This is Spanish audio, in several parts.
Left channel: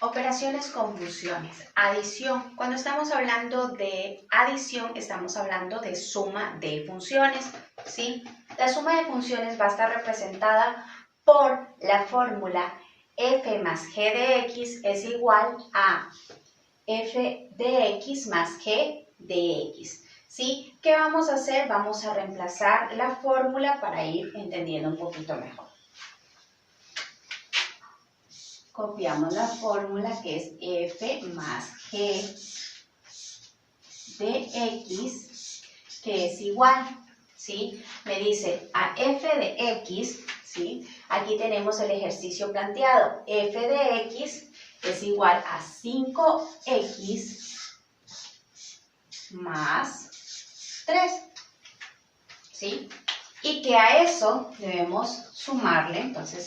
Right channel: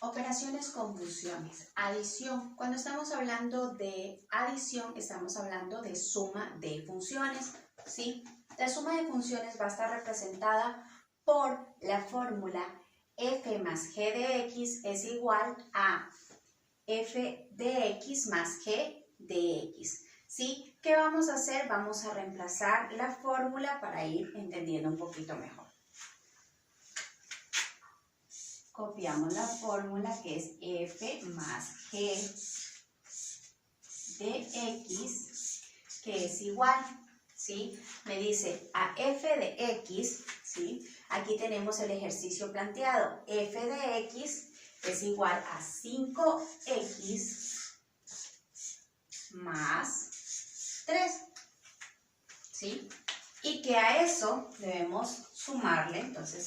Operaciones con funciones. Adición. Cuando estamos hablando de adición, estamos hablando de suma de funciones, ¿sí? La suma de funciones va a estar representada por la fórmula f más g de x es igual a f de x más g de x, ¿sí? ¿Qué vamos a hacer? Vamos a reemplazar la fórmula para ir entendiendo un poquito mejor. Copiamos la fórmula que es f más g de x, que es igual, ¿sí? Me dice a f de x, ¿sí? Aquí tenemos el ejercicio planteado. F de x es igual a 5x más 3, ¿sí? Y que a eso debemos sumarle, entonces,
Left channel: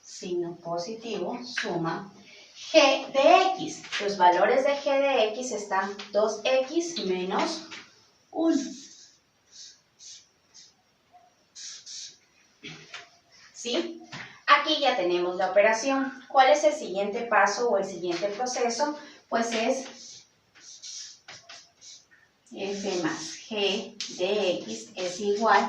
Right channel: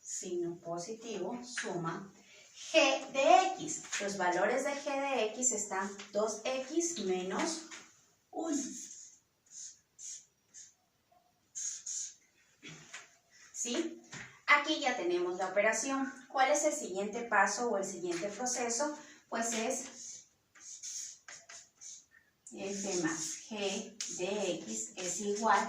signo positivo, suma g de x. Los valores de g de x están 2x menos 1. ¿Sí? Aquí ya tenemos la operación. ¿Cuál es el siguiente paso o el siguiente proceso? Pues es f más g de x es igual.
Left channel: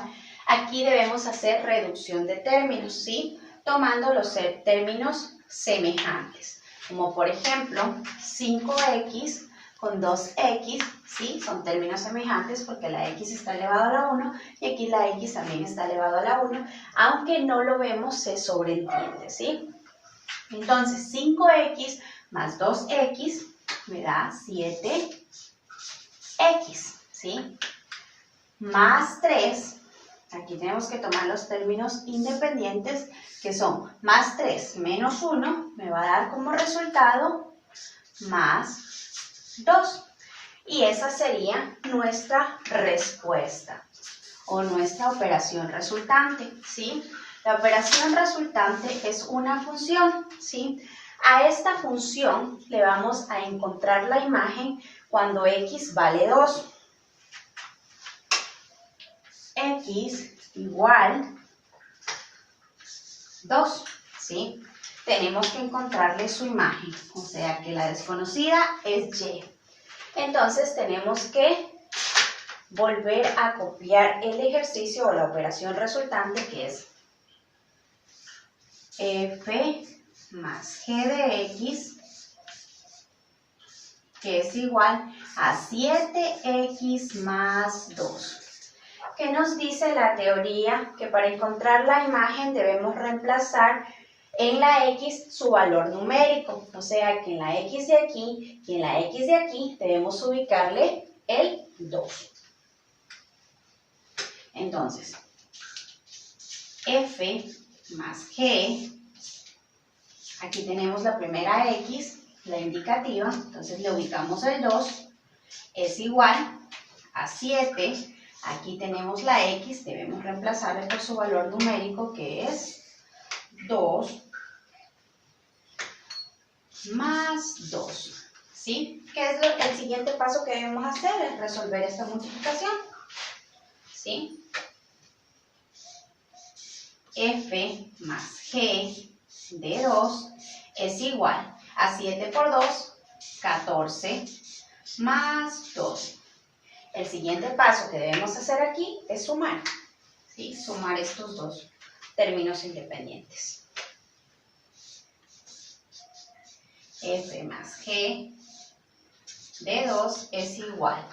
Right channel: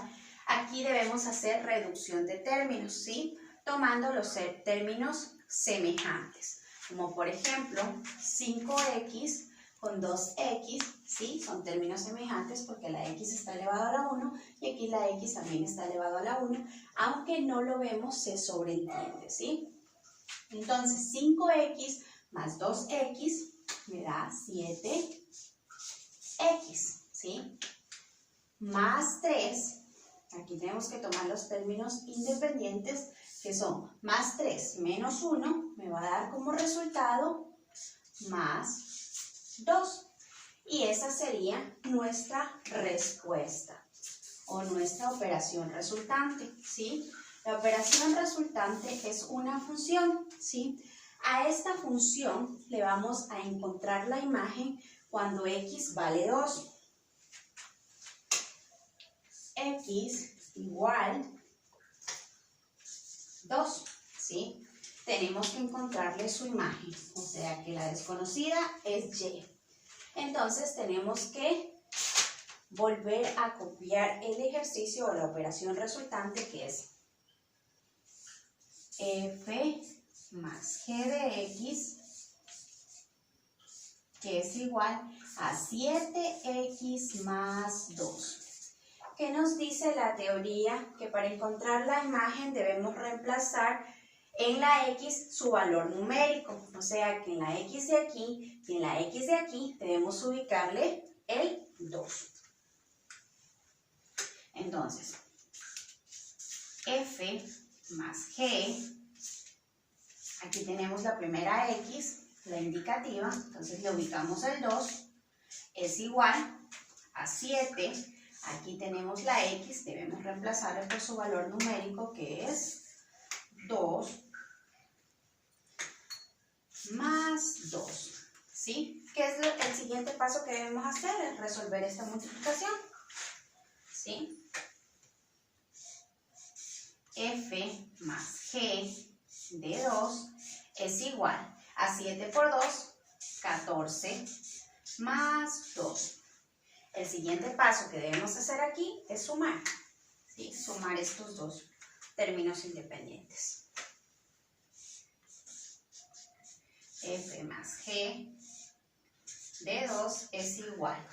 Aquí debemos hacer reducción de términos, ¿sí? Tomando los términos semejantes, como por ejemplo 5x con 2x, ¿sí? Son términos semejantes porque la x está elevado a la 1 y aquí la x también está elevado a la 1, aunque no lo vemos, se sobreentiende, ¿sí? Entonces 5x más 2x me da 7x, ¿sí? Más 3, aquí tenemos que tomar los términos independientes, que son más 3 menos 1, me va a dar como resultado más 2. Y esa sería nuestra respuesta o nuestra operación resultante, ¿sí? La operación resultante es una función, ¿sí? A esta función le vamos a encontrar la imagen cuando x vale 2. X igual 2, ¿sí? Tenemos que encontrarle su imagen, o sea que la desconocida es y. Entonces tenemos que volver a copiar el ejercicio o la operación resultante, que es f más g de x, que es igual a 7x más 2. ¿Qué nos dice la teoría? Que para encontrar la imagen debemos reemplazar en la x su valor numérico. O sea que en la x de aquí y en la x de aquí debemos ubicarle el 2. Entonces, f más g, aquí tenemos la primera x, la indicativa, entonces le ubicamos el 2, es igual a 7. Aquí tenemos la x, debemos reemplazarle por su valor numérico, que es 2 más 2, ¿sí? ¿Qué es el siguiente paso que debemos hacer? Es resolver esta multiplicación, ¿sí? f más g de 2 es igual a 7 por 2, 14, más 2. El siguiente paso que debemos hacer aquí es sumar, ¿sí? Sumar estos dos términos independientes. F más G de 2 es igual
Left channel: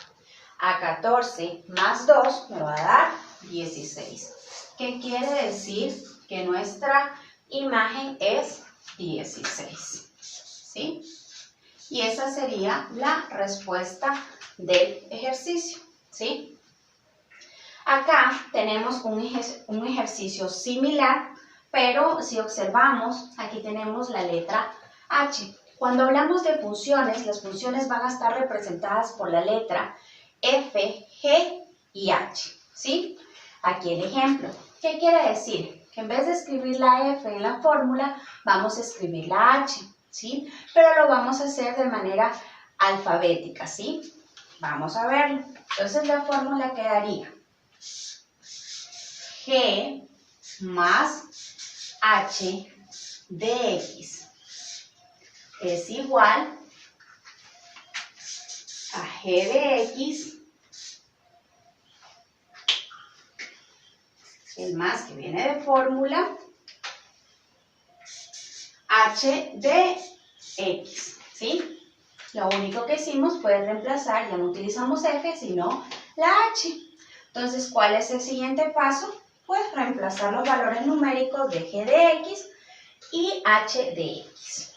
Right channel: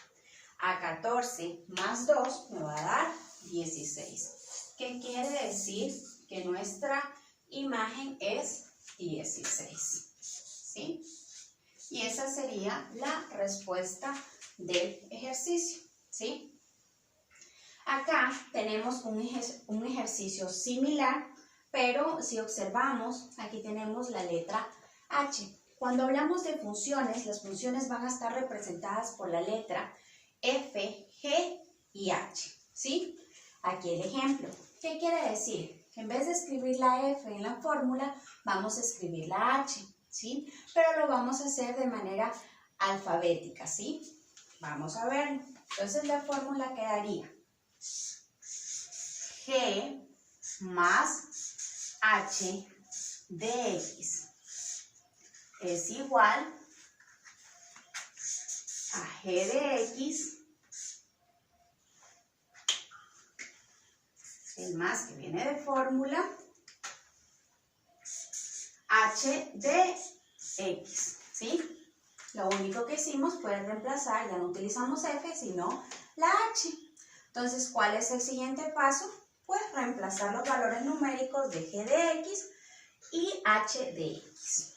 a 14 más 2 me va a dar 16. ¿Qué quiere decir? Que nuestra imagen es 16, ¿sí? Y esa sería la respuesta del ejercicio, ¿sí? Acá tenemos un ejercicio similar, pero si observamos, aquí tenemos la letra H. Cuando hablamos de funciones, las funciones van a estar representadas por la letra F, G y H, ¿sí? Aquí el ejemplo. ¿Qué quiere decir? Que en vez de escribir la F en la fórmula, vamos a escribir la H, ¿sí? Pero lo vamos a hacer de manera alfabética, ¿sí? Vamos a verlo. Entonces la fórmula quedaría G más H de X es igual a g de x, el más que viene de fórmula, h de x, ¿sí? Lo único que hicimos fue reemplazar, ya no utilizamos f, sino la h. Entonces, ¿cuál es el siguiente paso? Pues reemplazar los valores numéricos de g de x y h de x.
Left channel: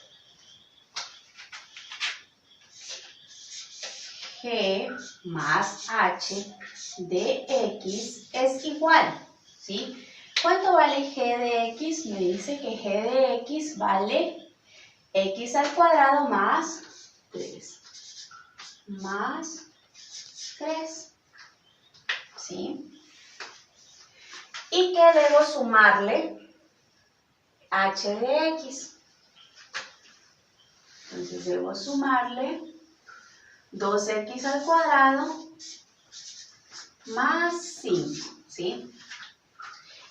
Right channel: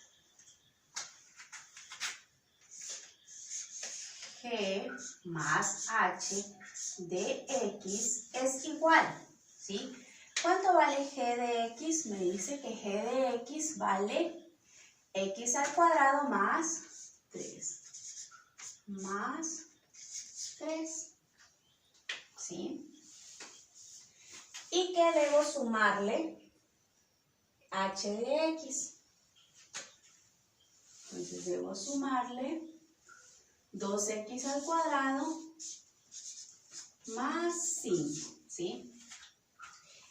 G más h de x es igual, ¿sí? ¿Cuánto vale g de x? Me dice que g de x vale x al cuadrado más 3. Más 3, ¿sí? ¿Y qué debo sumarle? H de x. Entonces debo sumarle 2x al cuadrado más 5, ¿sí?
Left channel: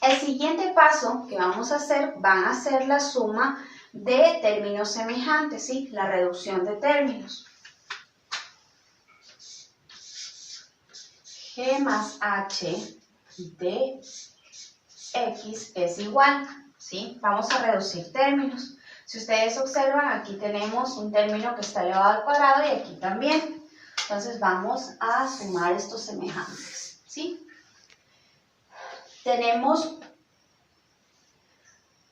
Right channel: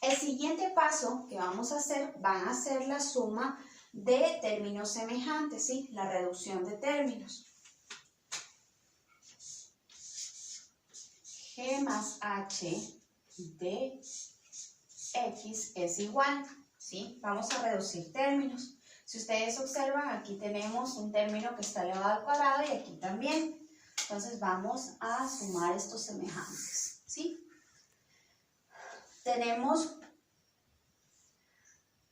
El siguiente paso que vamos a hacer van a ser la suma de términos semejantes, ¿sí? La reducción de términos. G más h de x es igual, ¿sí? Vamos a reducir términos. Si ustedes observan, aquí tenemos un término que está elevado al cuadrado y aquí también. Entonces vamos a sumar estos semejantes, ¿sí? Tenemos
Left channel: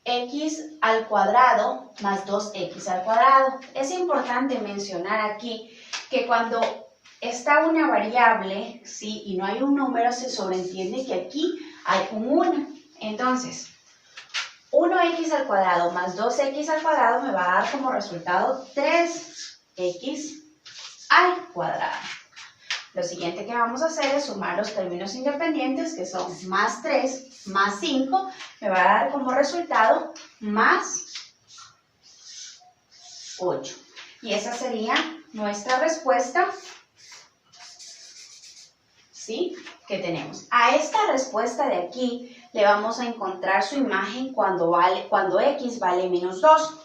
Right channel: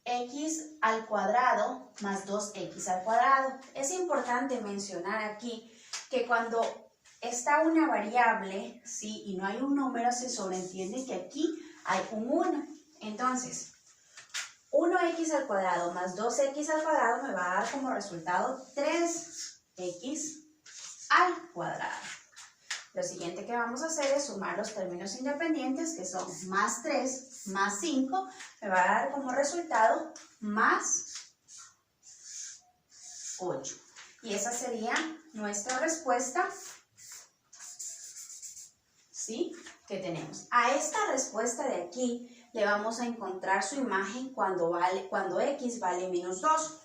x al cuadrado más 2x al cuadrado. Es importante mencionar aquí que cuando está una variable, ¿sí? Y no hay un número, se sobreentiende que aquí hay un 1. Entonces, 1x al cuadrado más 2x al cuadrado me va a dar como resultado 3x al cuadrado. Lo siguiente que vamos a hacer es sumar los términos independientes, que son más 3 más 5, me va a dar como resultado más 8. Y esa sería nuestra respuesta, ¿sí? Que tenemos. A esta respuesta de aquí le vamos a encontrar su imagen cuando x vale menos 2.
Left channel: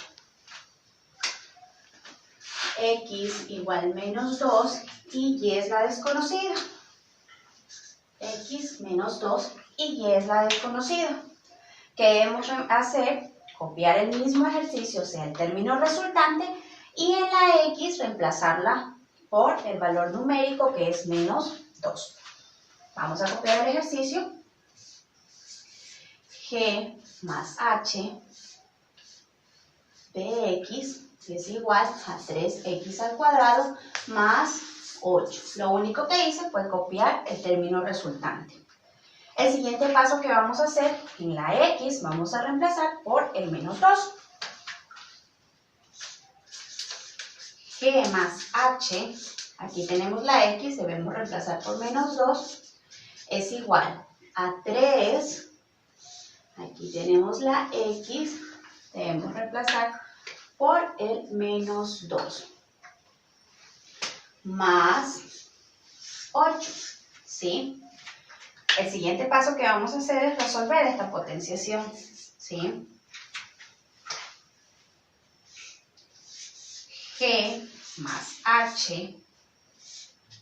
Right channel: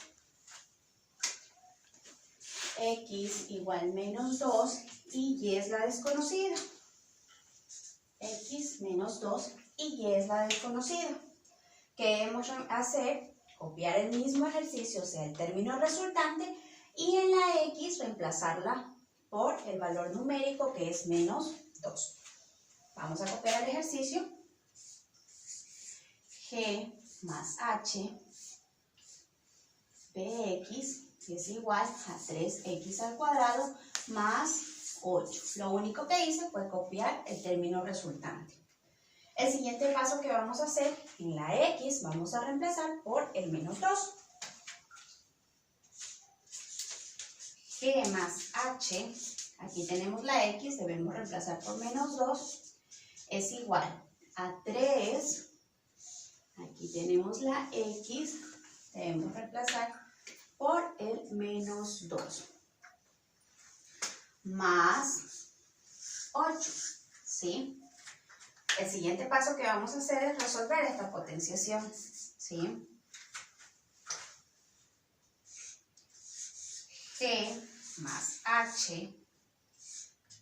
X igual menos 2 y y es la desconocida. X menos 2 y y es la desconocida. ¿Qué debemos hacer? Copiar el mismo ejercicio, o sea, el término resultante, y en la x reemplazarla por el valor numérico que es menos 2. Vamos a copiar el ejercicio. G más h de x es igual a 3x al cuadrado más 8. Lo único que hice fue copiar el término resultante. El siguiente paso que vamos a hacer, en la x vamos a reemplazar por el menos 2. G más h, aquí tenemos la x, debemos reemplazar por menos 2, es igual a 3. Aquí tenemos la x, debemos reemplazar por el menos 2. Más 8, ¿sí? El siguiente paso que vamos a hacer es resolver esta potenciación, ¿sí? G más h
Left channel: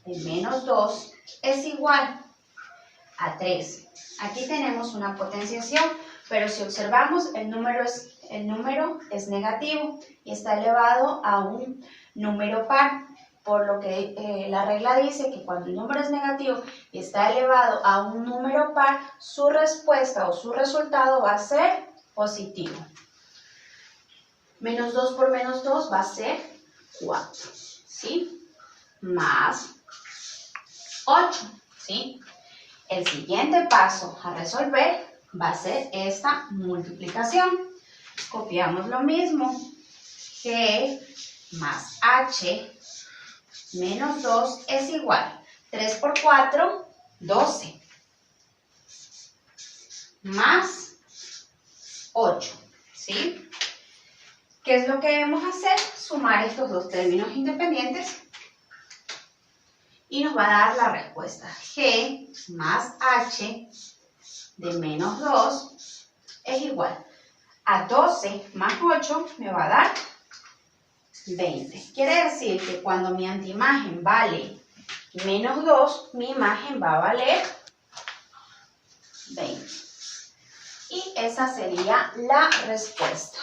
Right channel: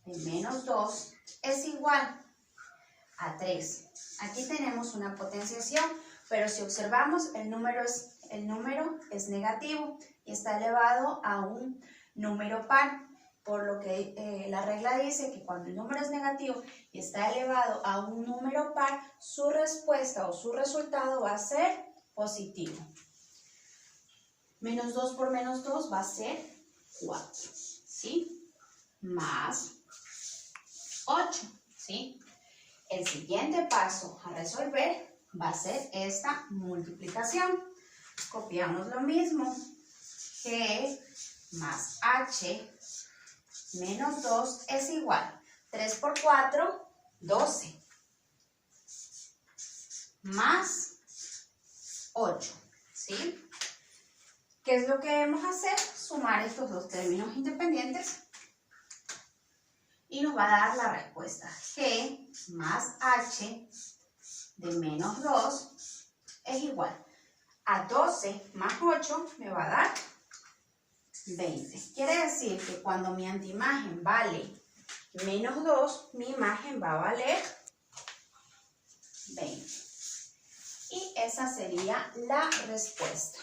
de menos 2 es igual a 3. Aquí tenemos una potenciación, pero si observamos el número es negativo y está elevado a un número par, por lo que la regla dice que cuando el número es negativo y está elevado a un número par, su respuesta o su resultado va a ser positivo. Menos 2 por menos 2 va a ser 4, ¿sí? Más 8, ¿sí? El siguiente paso a resolver va a ser esta multiplicación. Copiamos lo mismo. G más h menos 2 es igual. 3 por 4, 12. Más 8, ¿sí? ¿Qué es lo que debemos hacer? Sumar estos dos términos independientes y nos va a dar la respuesta. G más h de menos 2 es igual a 12 más 8, me va a dar 20. Quiere decir que cuando mi antiimagen vale menos 2, mi imagen va a valer 20. Y esa sería la respuesta.